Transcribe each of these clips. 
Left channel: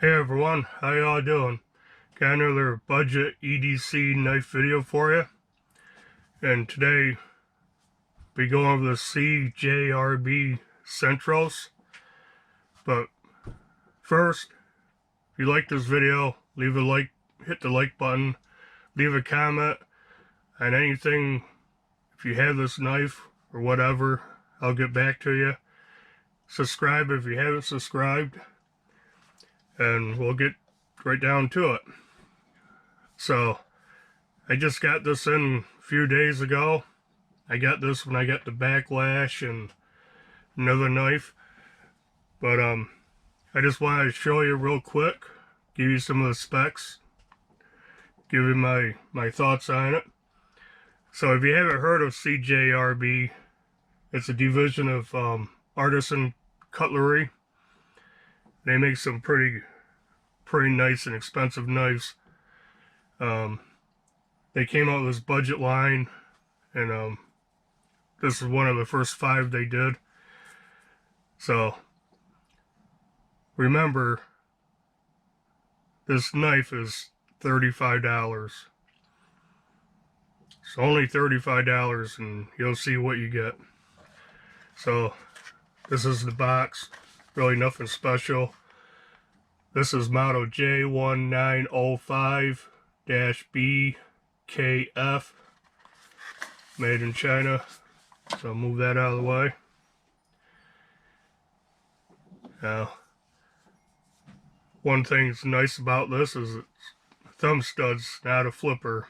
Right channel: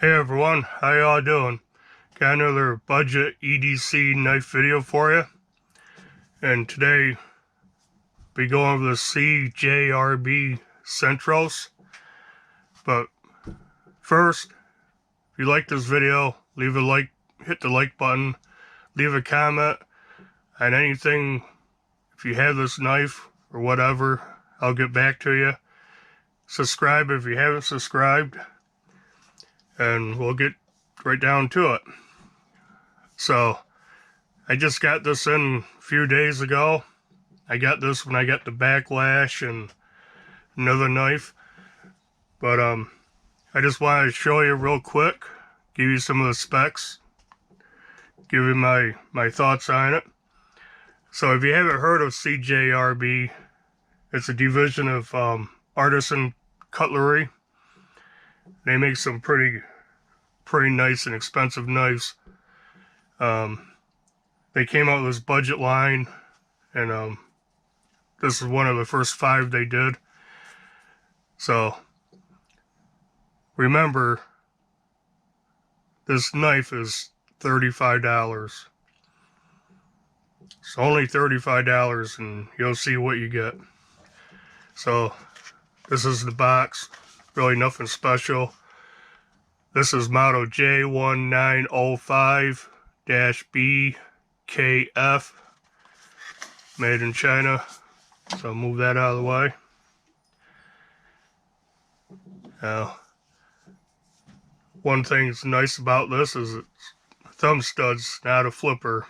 Hey everyone, how y'all doing? Got another budget EDC knife video for you. And today, be going over the CJRB Centros. But first, if you like this video, leave a like, hit the like button, leave a comment on anything. If you have this knife or whatever, I'll get back to you. Subscribe if you haven't subscribed, and we'll get right down to it. So, I just got this in a few days ago. I got this when I got the backlash and another knife. But I just wanted to show you real quick, give you some of the specs, give you my thoughts on it. So if you haven't heard of CJRB, it's a division of artisan cutlery. They make some pretty nice and expensive knives. They came out with this budget line, and this is one of the first 5 they did. So remember, this knife is $35. It's only $35, and you'll see what you get. So this is the box, really nothing special. This is model J1905-BKF, made in China. So I'll move that out of the way. Now, one thing that's nice about this is it's thumb studs, not a flipper.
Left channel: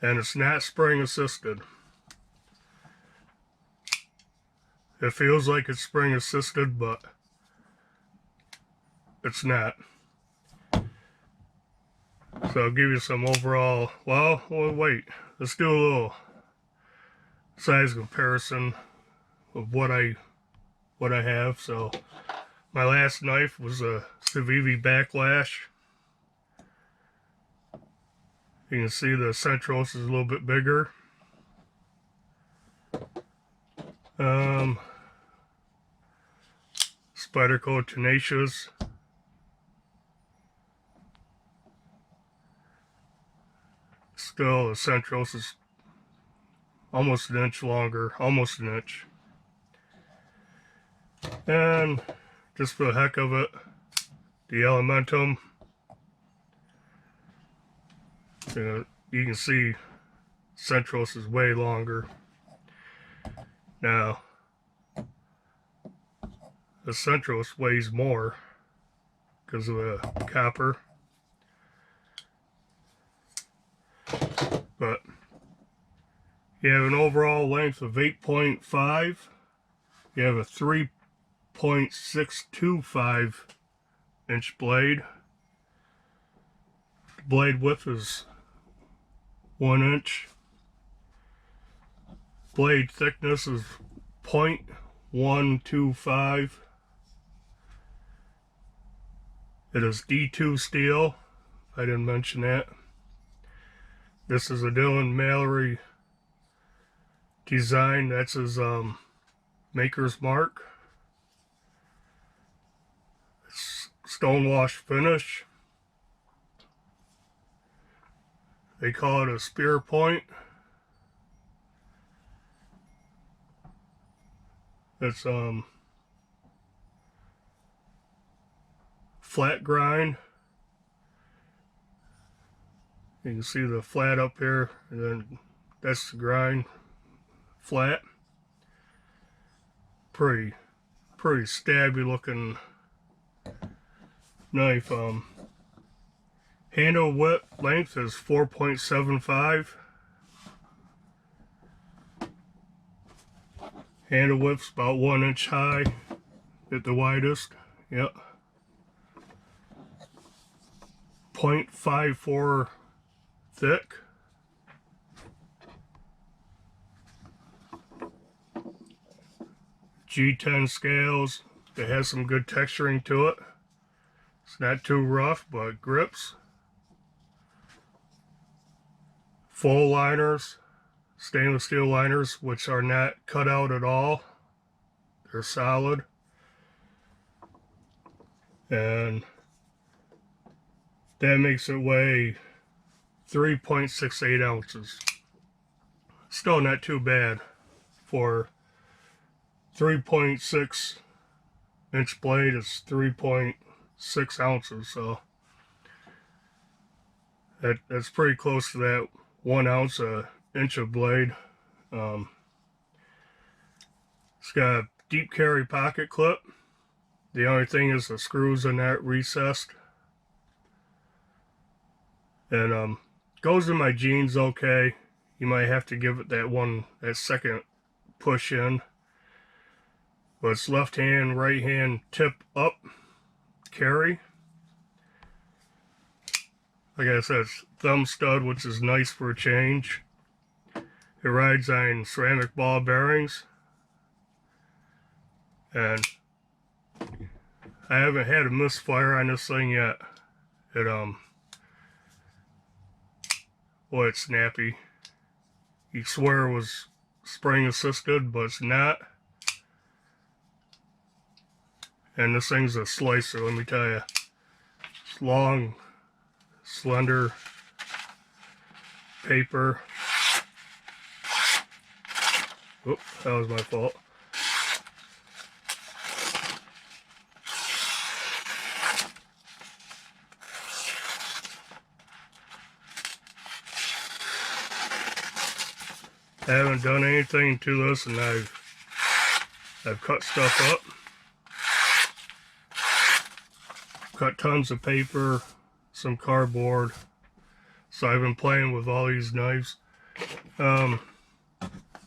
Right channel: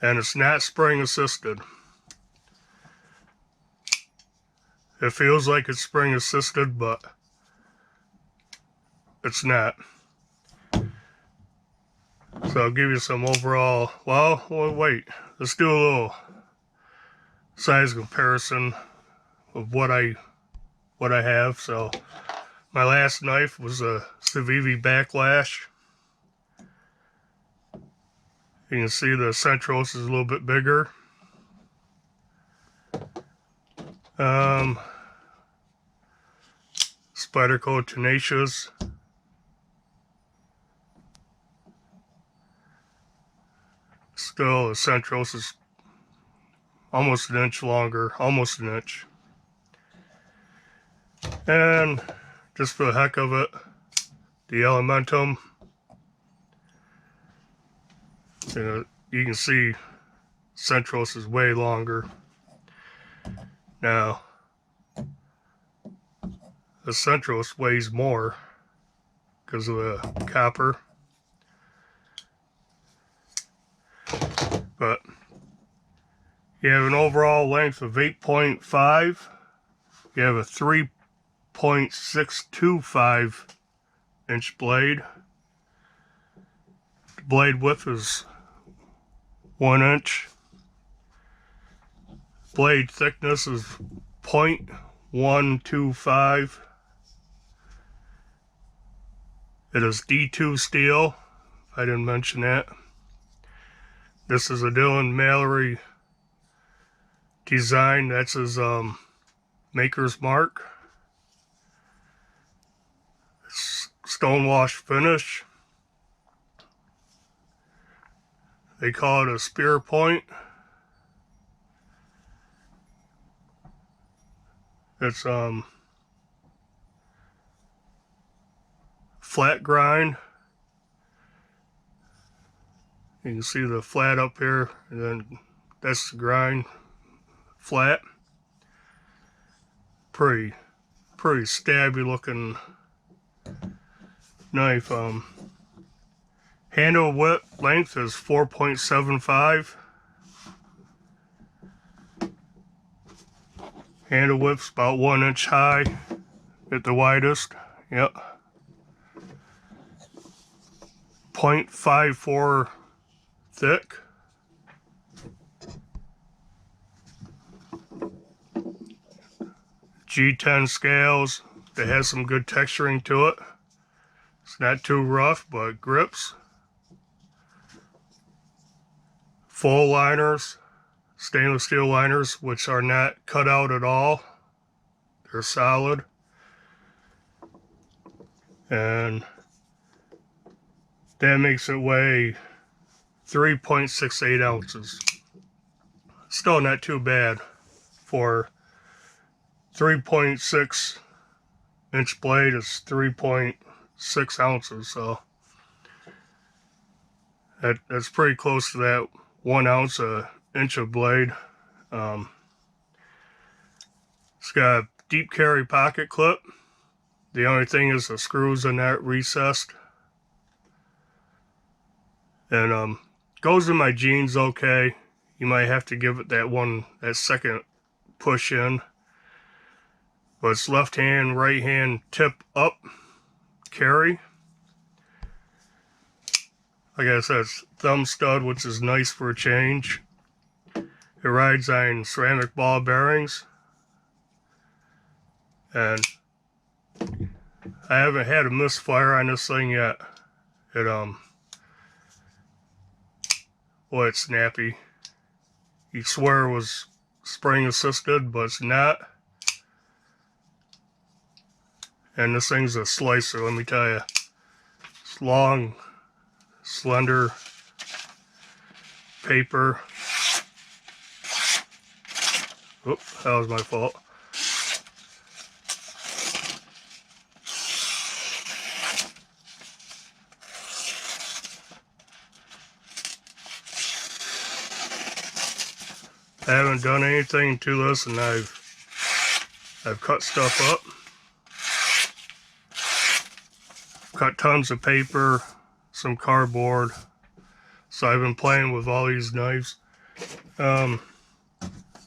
And it's not spring assisted. It feels like it's spring assisted, but it's not. So I'll give you some overall, well wait, let's do a little size comparison of what I have. So my last knife was a Civivi Backlash. You can see the Centros is a little bit bigger. Spyderco Tenacious. Still, the Centros is almost an inch longer, almost an inch. And just for the heck of it, the Elementum. You can see Centros is way longer. Now, the Centros weighs more because of the copper. But you have an overall length of 8.5. You have a 3.625 inch blade. The blade width is 1 inch. Blade thickness is 0.125. It is D2 steel, if I didn't mention that. This is a Dylan Mallory design. That's his maker's mark. It's stonewash finish. They call it a spear point. It's flat grind. You can see the flat up here, and then that's the grind, flat. Pretty stabby looking knife. Handle width length is 4.75. Handle width's about 1 inch high at the widest. Yep. 0.54 thick. G10 scales. It has some good texturing to it. It's not too rough, but grips. Full liners, stainless steel liners, which are not cut out at all. They're solid. and that makes it weigh 3.68 ounces. Still not too bad for 3.6 inch blade is 3.6 ounces, so that's pretty close to that 1 ounce a inch of blade. It's got a deep carry pocket clip. The only thing is the screws in that recessed. And goes in my jeans okay. You might have to give it that second push in. But it's left hand, right hand, tip up, carry. Like I said, it's thumb stud, which is nice for a change. It rides on ceramic ball bearings. And I haven't had a misfire on this thing yet. Boy, it's snappy. You'd swear it was spring assisted, but it's not. And this thing's a slicer, let me tell you. It's long, slender paper. Oop, that was my fault. I haven't done anything to this, and I've cut stuff up. Cut tons of paper, some cardboard. So I've been playing with all these knives.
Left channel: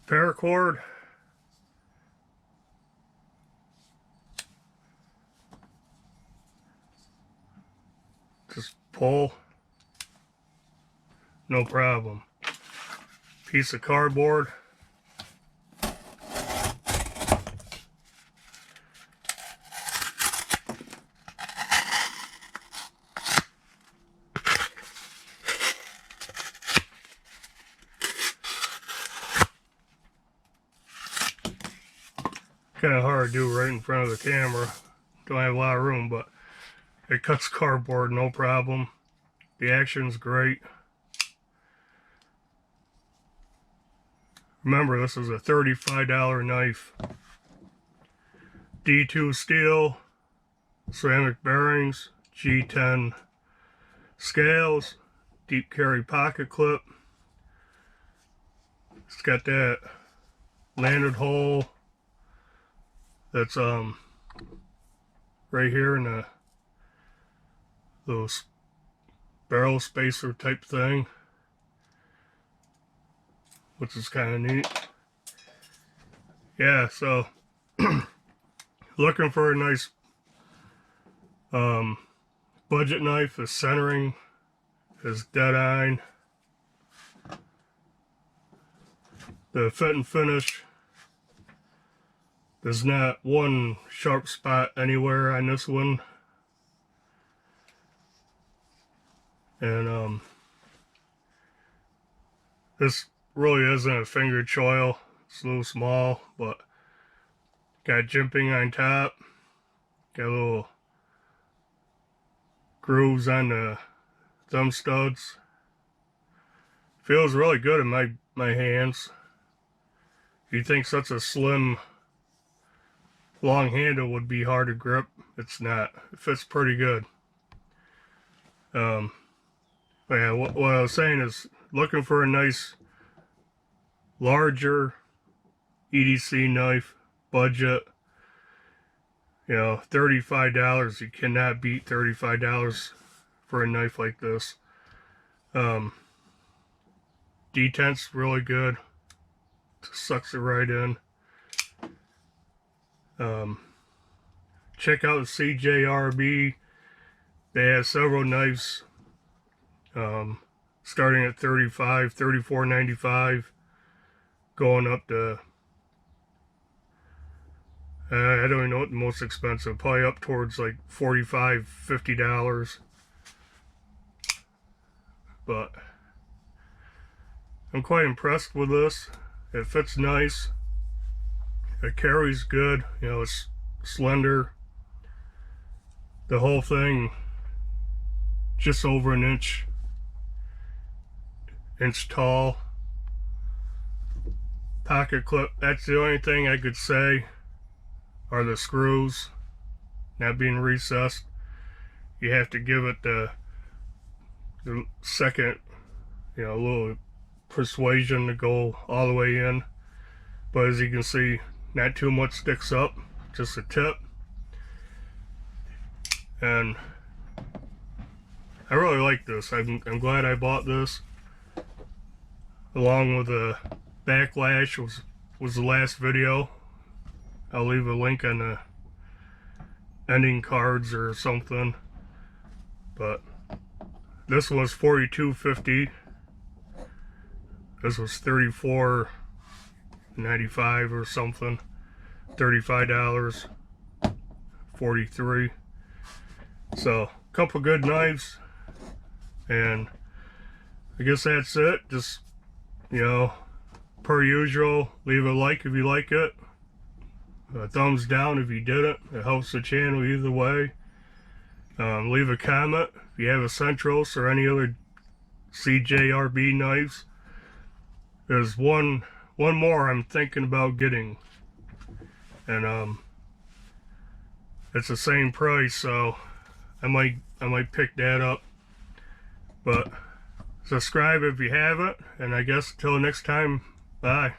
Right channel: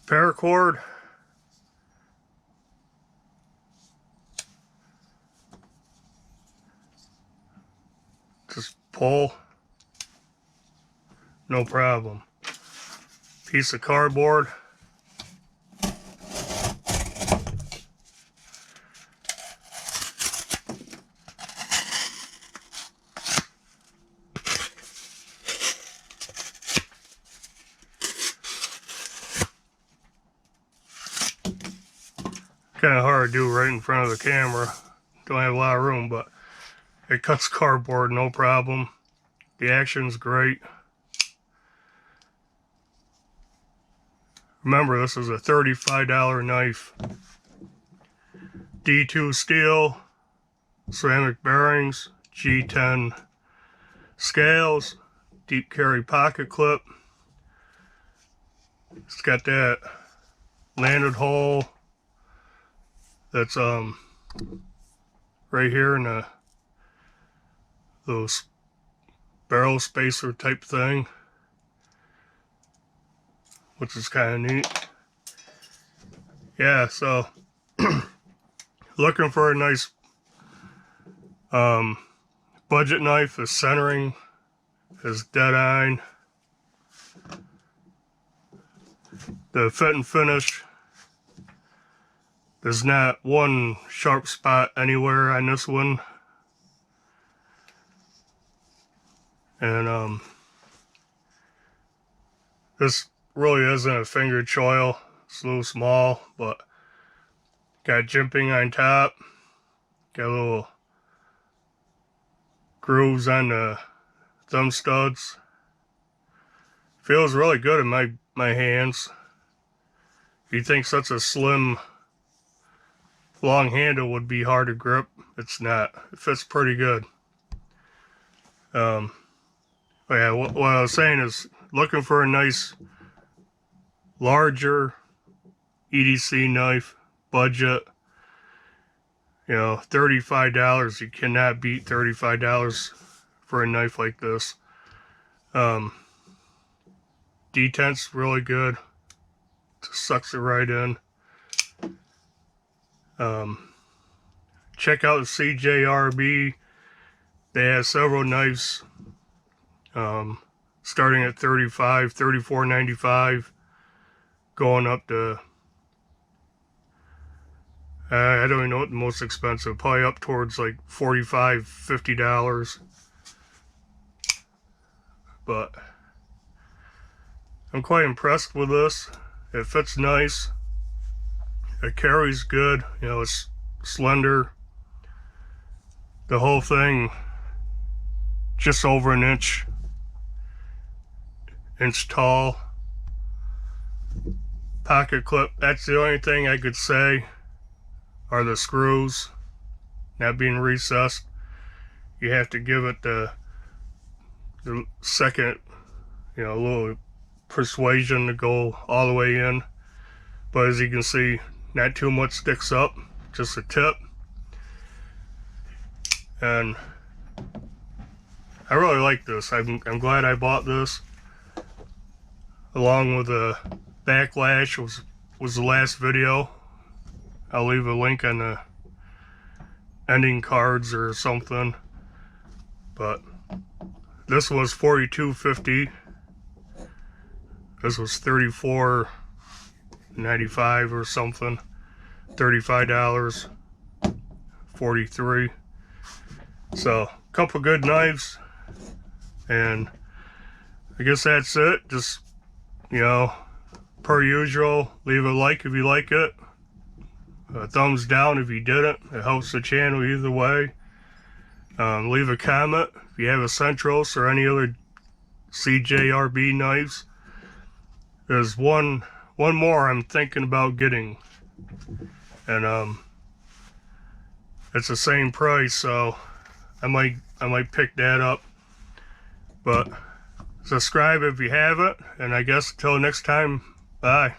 Paracord. Just pull. No problem. Piece of cardboard. Kind of hard to do right in front of the camera. Don't have a lot of room, but it cuts cardboard no problem. The action's great. Remember, this is a $35 knife. D2 steel, ceramic bearings, G10 scales, deep carry pocket clip. It's got that landed hole that's right here in those barrel spacer type thing, which is kind of neat. Yeah, so looking for a nice budget knife. The centering is dead on. The fit and finish, there's not one sharp spot anywhere on this one. And this really isn't a finger choil. It's a little small, but got jimping on top. Got little grooves on the thumb studs. Feels really good in my hands. You'd think such a slim, long handle would be hard to grip. It's not. It fits pretty good. But yeah, what I was saying is looking for a nice, larger EDC knife, budget. You know, $35. You cannot beat $35 for a knife like this. Detent's really good. Just sucks it right in. Check out CJRB. They have several knives starting at $35, $34.95, going up to I don't even know what the most expensive, probably up towards like $45, $50. But I'm quite impressed with this. It fits nice. It carries good. You know, it's slender. The whole thing just over an inch tall. Pocket clip, that's the only thing I could say are the screws not being recessed. You have to give it the second, little persuasion to go all the way in. But as you can see, not too much sticks up, just a tip. And I really like this. I'm glad I bought this. Along with the backlash was the last video. I'll leave a link on the ending cards or something. But this was $42.50. This was $34.95 or something. $35. $43. So, a couple good knives. And I guess that's it. Just, per usual, leave a like if you like it. A thumbs down if you didn't. It helps the channel either way. Leave a comment if you have a Centros or any other CJRB knives. There's one more I'm thinking about getting, and it's the same price, so I might pick that up. But subscribe if you haven't, and I guess until next time, bye.